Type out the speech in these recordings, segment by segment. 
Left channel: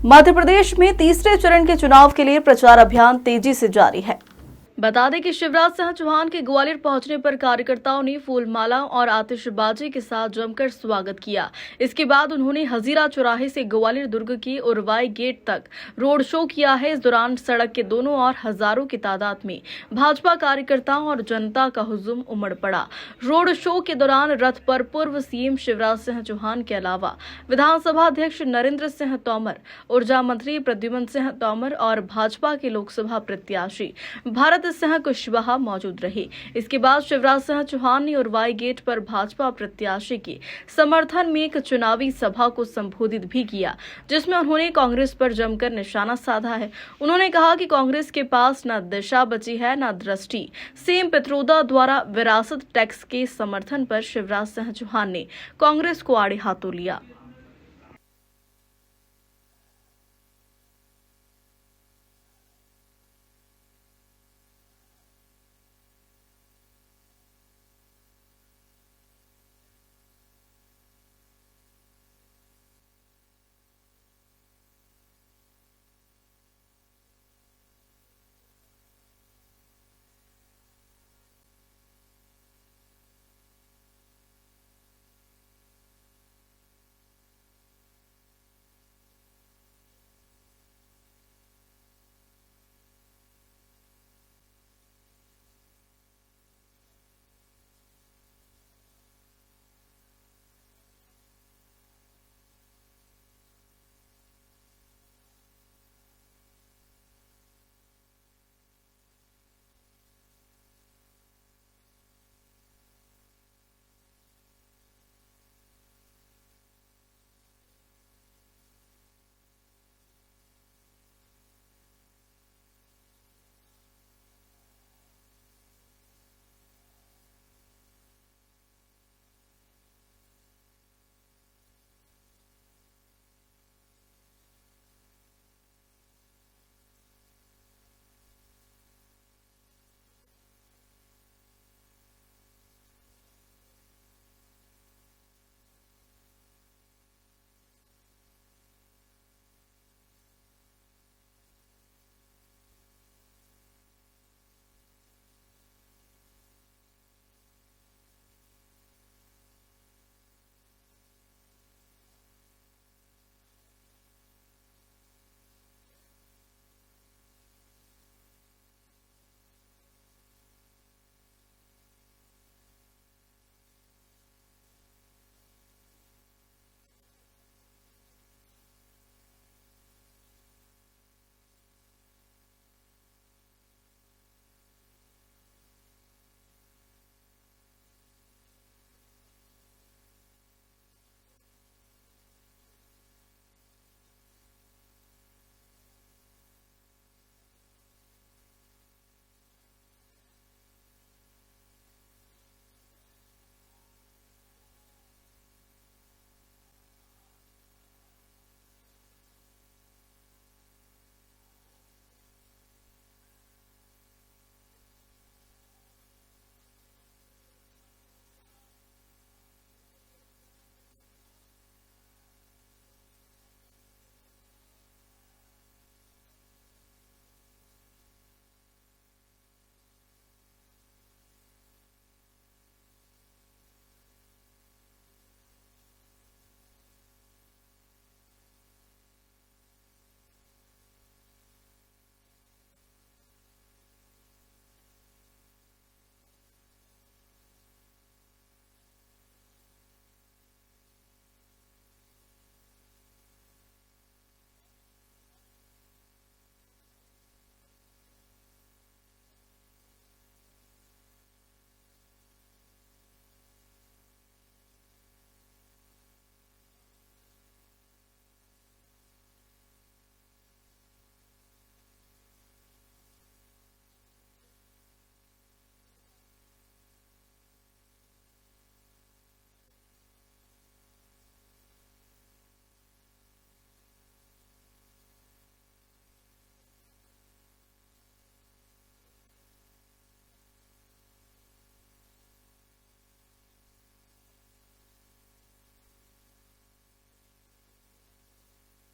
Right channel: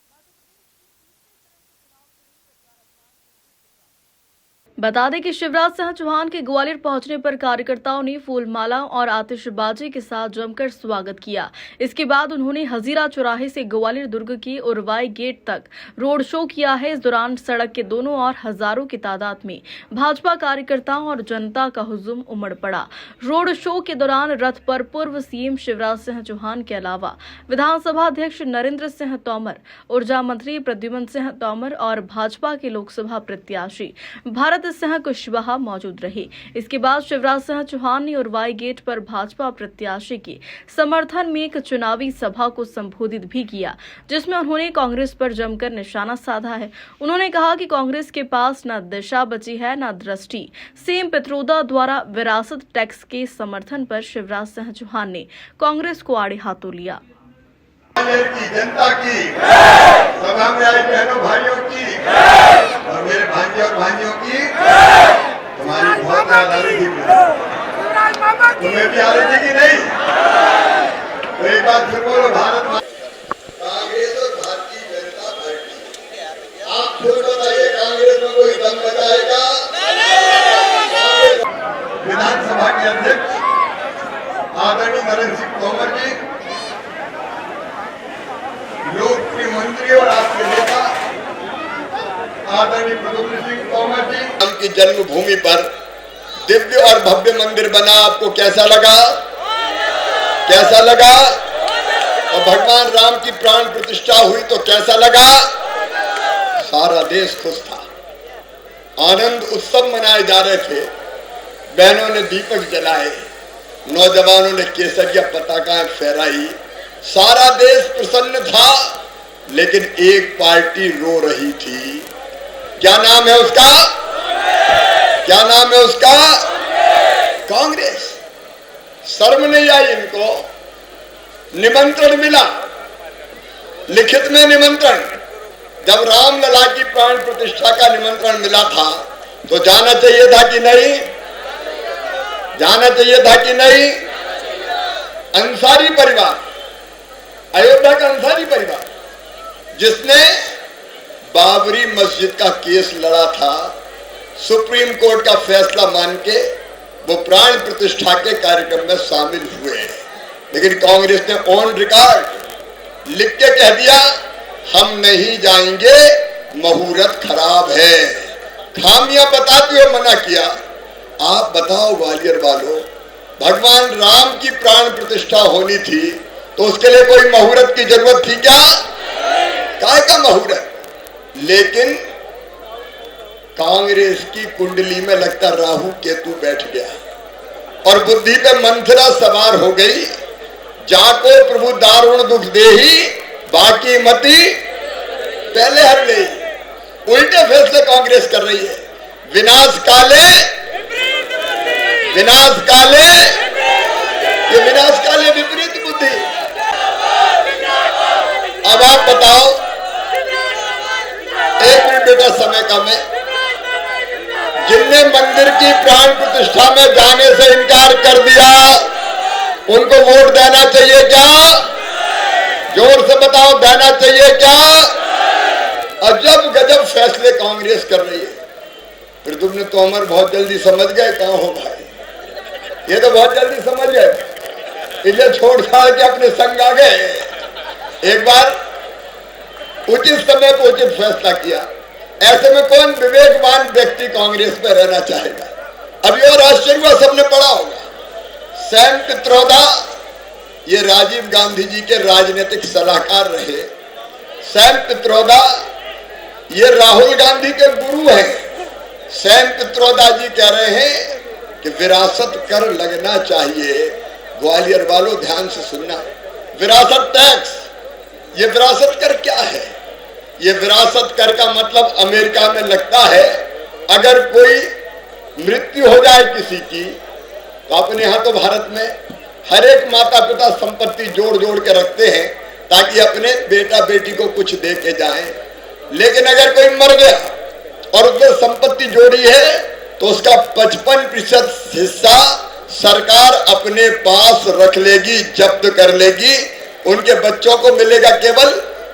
मध्य प्रदेश में तीसरे चरण के चुनाव के लिए प्रचार अभियान तेजी से जारी है। बता दें कि शिवराज सिंह चौहान के ग्वालियर पहुंचने पर कार्यकर्ताओं ने फूलमाला और आतिशबाजी के साथ जमकर स्वागत किया। इसके बाद उन्होंने हजीरा चौराहे से ग्वालियर दुर्ग की उरवाई गेट तक रोड शो किया है। इस दौरान सड़क के दोनों ओर हजारों की तादाद में भाजपा कार्यकर्ताओं और जनता का हुजूम उमड़ पड़ा। रोड शो के दौरान रथ पर पूर्व सीएम शिवराज सिंह चौहान के अलावा विधानसभा अध्यक्ष नरेंद्र सिंह तोमर, ऊर्जा मंत्री प्रद्युम्न सिंह तोमर और भाजपा के लोकसभा प्रत्याशी भारत सिंह कुशवाहा मौजूद रहे। इसके बाद शिवराज सिंह चौहान ने उरवाई गेट पर भाजपा प्रत्याशी के समर्थन में एक चुनावी सभा को संबोधित भी किया, जिसमें उन्होंने कांग्रेस पर जमकर निशाना साधा है। उन्होंने कहा कि कांग्रेस के पास न दिशा बची है न दृष्टि। सीएम पित्रोदा द्वारा विरासत टैक्स के समर्थन पर शिवराज सिंह चौहान ने कांग्रेस को आड़े हाथों लिया। जनता की सभा में आई बहनों भाइयों की और मेरे भांजे और भांजियों की तुम्हारी बहुत याद आ रही थी। तुम्हें भी आ रही थी कि नहीं? तो एक बात फिर बोलो, भारत कांग्रेस और भारतीय जनता पार्टी, आप खुद बताइए कांग्रेस में कोई दम बचाएगा? विधानसभा के अध्यक्ष आदरणीय नरेंद्र सिंह तोमर जी, लोकप्रिय मंत्री और आपके नेता आदरणीय प्रद्युम्न सिंह तोमर जी, उनकी जन्मभूमि पर दिव्य और भव्य मंदिर बना। आपको कैसा लगा? कैसा लगा? और भगवान राम की प्राण प्रतिष्ठा हुई तो कैसा लगा? सारा देश खुश था, आनंद उत्सव मनाए जा रहे थे। बहनों ने दीपक जलाए, नौजवानों ने केसरिया पताकाएं फहराई, सारा देश प्रसन्न था। लेकिन एक पार्टी रो रही थी। क्या नाम है उसका? क्या नाम है उसका? कांग्रेस। शर्म नहीं आई इनको? निमंत्रण मिला, लिखित में निमंत्रण। जब रामलला की प्राण प्रतिष्ठा का निमंत्रण मिला था तो जाना चाहिए था कि नहीं? जाना चाहिए था कि नहीं? अंसारी परिवार, अयोध्या का अंसारी परिवार, जिसने बाबरी मस्जिद का केस लड़ा था, सुप्रीम कोर्ट का फैसला मान के वो प्राण प्रतिष्ठा के कार्यक्रम में शामिल हुए। लेकिन कांग्रेस ने ऑन रिकॉर्ड लिख के कह दिया, हम नहीं जाएंगे, मुहूर्त खराब है। खामियां बताते हुए मना किया। आप बताओ ग्वालियर वालों, भगवान राम की प्राण प्रतिष्ठा होनी थी तो उसके लिए कोई मुहूर्त की जरूरत थी क्या? काय का मुहूर्त? लेकिन कांग्रेस की कुंडली में लगता राहु केतु बैठ गया और बुद्धि पे मंथरा सवार हो गई। जाको प्रभु दारुण दुख देही, बाकी मती पहले हर ले। उल्टे फैसले कांग्रेस कर रही है। विनाश काले, विनाश काले, ये विनाश काले विपरीत बुद्धि। अब आप बताओ, एक मिनट बेटा, समय कम है। जिनने मंदिर की प्राण प्रतिष्ठा में जाने से इनकार कर दिया, उनको वोट देना चाहिए क्या? जोर से बताओ, देना चाहिए क्या? अजब गजब फैसले कांग्रेस कर रही है। प्रद्युम्न तोमर बहुत जल्दी समझ गए कहां हो भाई, ये तो बहुत जल्दी समझ गए, इसे छोड़ छाड़ के अपने संग आ गए। एक बार उचित समय पर उचित फैसला किया। ऐसे में कौन विवेकवान व्यक्ति कांग्रेस में रहना चाहेगा? अभी और आश्चर्य हुआ, सबने पढ़ा होगा, सैम पित्रोदा ये राजीव गांधी जी के राजनीतिक सलाहकार रहे। सैम पित्रोदा ये राहुल गांधी के गुरु हैं। सैम पित्रोदा जी कह रहे हैं कि विरासत कर लगना चाहिए। ग्वालियर वालों ध्यान से सुनना, विरासत टैक्स, ये विरासत कर क्या है? ये विरासत कर का मतलब अमेरिका में लगता है अगर कोई मृत्यु हो जाए किसी की, तो अपने यहाँ तो भारत में हर एक माता पिता संपत्ति जोड़ जोड़ के रखते हैं ताकि अपने बेटा बेटी को कुछ दे के जाए। लेकिन अगर कोई मर गया और उसने संपत्ति जोड़ी है तो उसका 55% हिस्सा सरकार अपने पास रख लेगी, जब्त कर लेगी। उनके बच्चों को मिलेगा केवल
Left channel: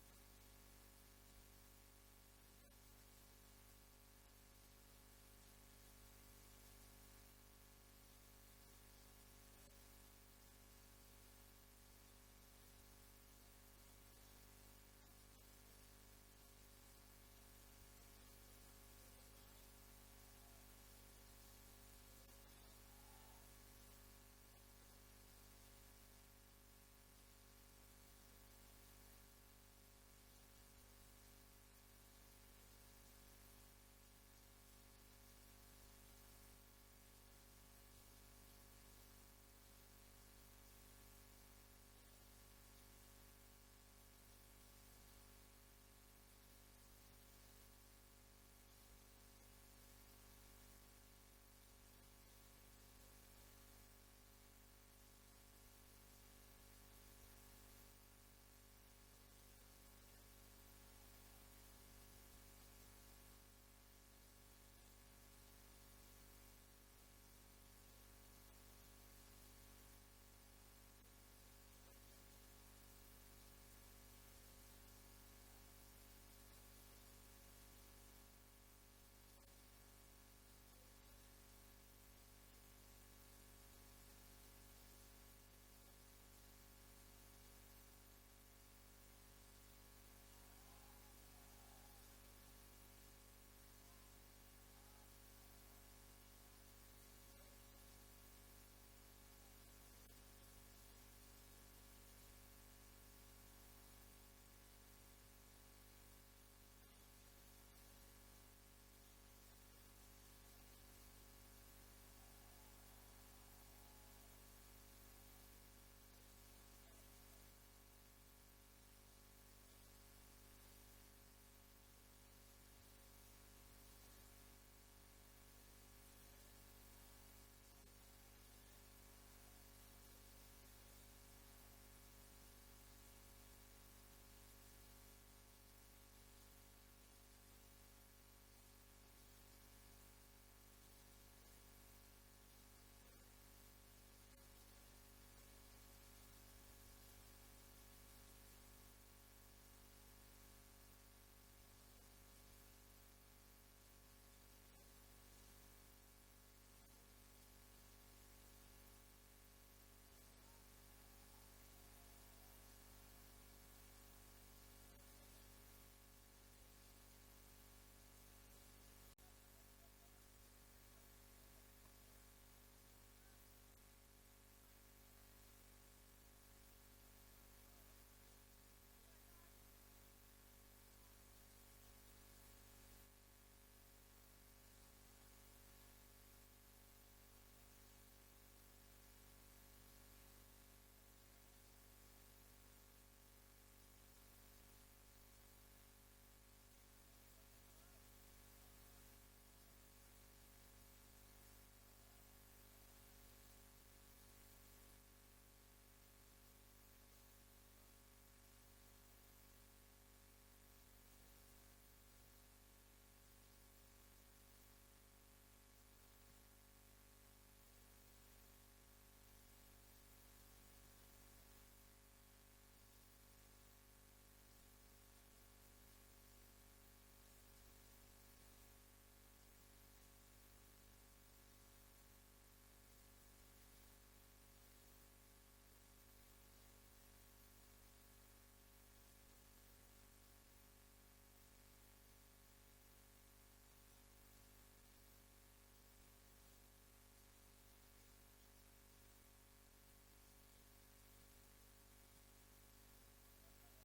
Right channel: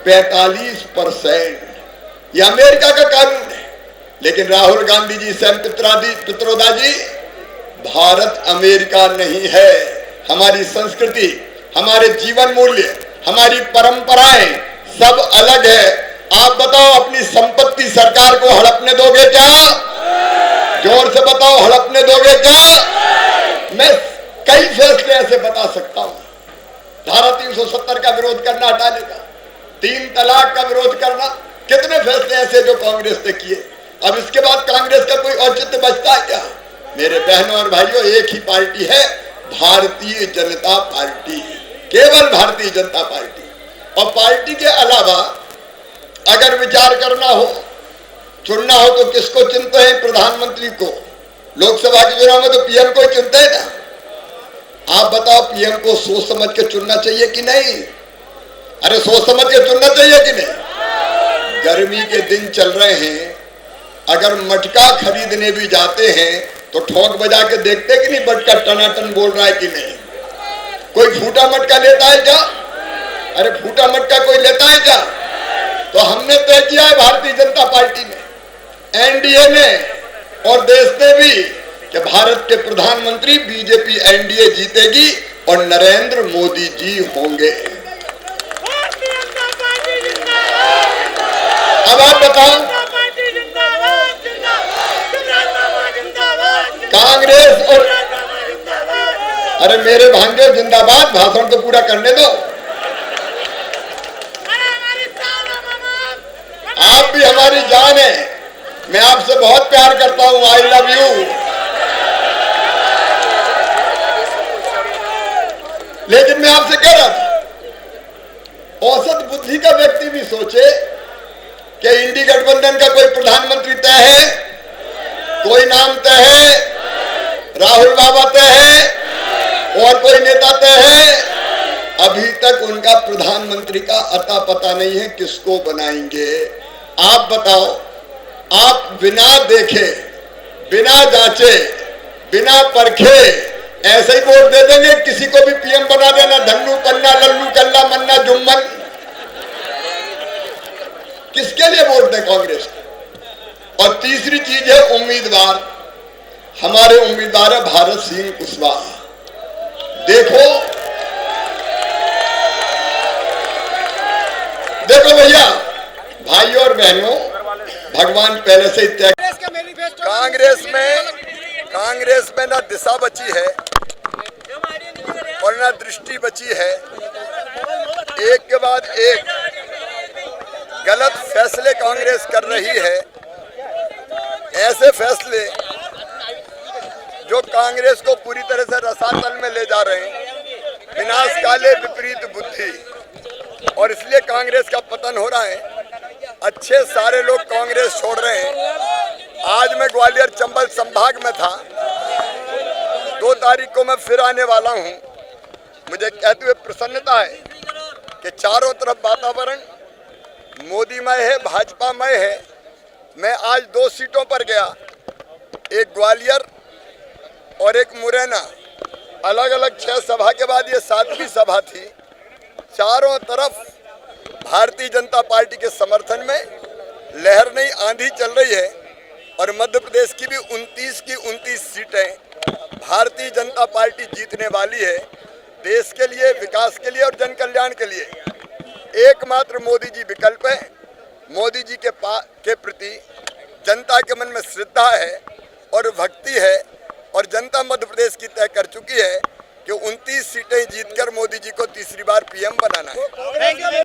45%। ये अमेरिका का कानून है। लेकिन राहुल गांधी जी, सैम पित्रोदा जी, भारत अमेरिका नहीं है। हमारी संस्कृति, हमारे जीवन मूल्य, हमारी परंपराएं सब अलग है। आप बताओ, अपनी संपत्ति सरकार को हड़पने दोगे क्या? जोर से बताओ, हड़पने दोगे क्या? मैं कई फैसले ऐसे बता सकता हूं। धारा 370 का विरोध करना, हटाने का, 3 तलाक का विरोध करना, कितने फैसले ऐसे जो कांग्रेस ने किए। अब इसके बाद कांग्रेस का कोई औचित्य बचता है क्या? मेरे बहनों और भाइयों, एक ही पार्टी है, भारतीय जनता पार्टी, केवल भारतीय जनता पार्टी। और पार्टी के अलावा अगर विचार करना हो, चुनना हो, तो किसको चुनते हैं? प्रधानमंत्री को। लोकसभा के चुनाव में तो पीएम को ही चुनते हैं ना। आप बताओ, पीएम को सोच समझ के चुनना चाहिए कि नहीं? अरे सोच समझ के चुनना चाहिए कि नहीं? गर्मी के दिन चल रहे हैं, अगर मटका खरीदने भी जाते हैं तो ठोक बजा के देखते कि नहीं मटका टनाटन बोल रहा है कि नहीं? कोई फूटा मटका लेता है क्या? अरे फूटा मटका कोई लेता है क्या? तो हमने तय किया है, भारतीय जनता पार्टी ने, एनडीए ने और देश ने भी, कि भारत के प्रधानमंत्री बीजेपी एनडीए जीतेगी और नरेंद्र मोदी जी होंगे। अब आप बताओ, कांग्रेस और, अरे मेरे भांजे जिंदाबाद, भाषण तो पूरा करने दो। आप भी हमारी जान है, मैं आपसे बहुत प्यार करता हूं, आई लव यू। लेकिन मैं आपसे कह रहा था, औसत बुद्धि का व्यक्ति भी सोचे कि इंडी गठबंधन का कोई प्रधानमंत्री तय है, कोई नाम तय है, राहुल बाबा तय है और कोई नेता तय है। अभी तक उनका प्रधानमंत्री का अता पता नहीं है, किसको बनाएंगे? आप बताओ, आप बिना देखे, बिना जांचे, बिना परखे ऐसे ही वोट दे देंगे? किसी को भी पीएम बना देना, धन्नू पन्ना, लल्लू कल्ला, मन्ना जुम्मन। किसके लिए वोट दें कांग्रेस को? और तीसरी चीज है उम्मीदवार। हमारे उम्मीदवार है भारत सिंह कुशवाहा। देखो भैया, भाइयों और बहनों, भगवान पहले से ही तय, कांग्रेस में ना दिशा बची है और ना दृष्टि बची है। एक के बाद एक गलत फैसले कांग्रेस कर रही है। ऐसे फैसले जो कांग्रेस को पूरी तरह से रसातल में ले जा रहे हैं, विनाश काले विपरीत बुद्धि, और इसलिए कांग्रेस का पतन हो रहा है। अच्छे सारे लोग कांग्रेस छोड़ रहे हैं। आज मैं ग्वालियर चंबल संभाग में था, 2 तारीख को मैं फिर आने वाला हूं। मुझे कहते हुए प्रसन्नता है कि चारों तरफ वातावरण मोदीमय है, भाजपामय है। मैं आज 2 सीटों पर गया, एक ग्वालियर और एक मुरैना, अलग अलग 6 सभा के बाद ये 7वीं सभा थी। चारों तरफ भारतीय जनता पार्टी के समर्थन में लहर नई आंधी चल रही है और मध्य प्रदेश की भी 29 की 29 सीटें भारतीय जनता पार्टी जीतने वाली है। देश के लिए, विकास के लिए और जन कल्याण के लिए एकमात्र मोदी जी विकल्प है। मोदी जी के प्रति जनता के मन में श्रद्धा है और भक्ति है, और जनता मध्य प्रदेश की तय कर चुकी है कि 29 सीटें जीतकर मोदी जी को तीसरी बार पीएम बनाना है।